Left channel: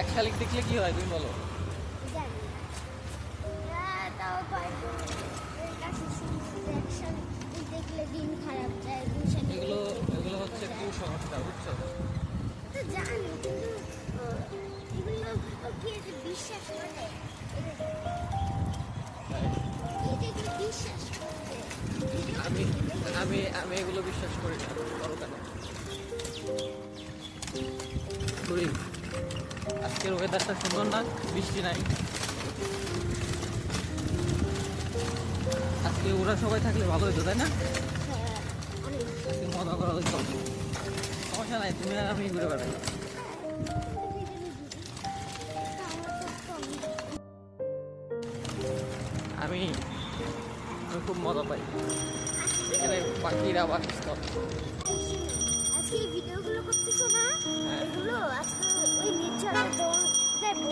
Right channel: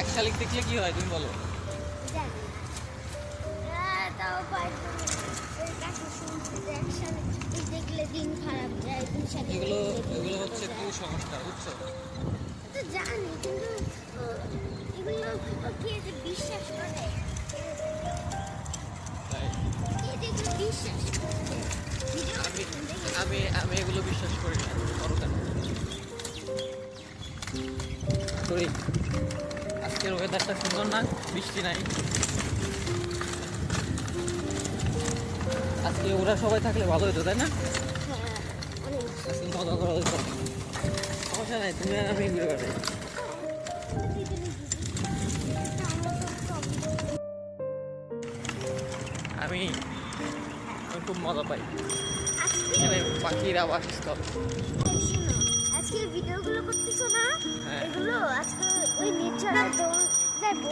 এক শালিক দেখলে কি হয় তুমি বলো? জানি তাও দেখলে দিন খারাপ যায়, এগুলো এগুলো হচ্ছে কুসংস্কার, বুঝছো? তো জানি, কিন্তু এগুলো কে যে বিশ্বাস করে, এগুলো বিশ্বাস করছে। আমি আমি আমি এগুলো বিশ্বাস করি না। করো কেন? করি। আজকের ওয়েদারটা সুন্দর না, বৃষ্টি নাই। আজকে ওরা সবাই থাকলে ভালো হতো, তাই না? আজকে মজা করা হইতো। সমস্যা নাই, তুমি আর আমি ঘুরে বেড়াই। আমি খুব মজা পাই এখানে, পাখির আবাসস্থল। আজকে ভিডিওগুলো করতেছো না, হ্যাঁ। এগুলো আজকে ওই নির্ঝরের দৌড় যাইবো।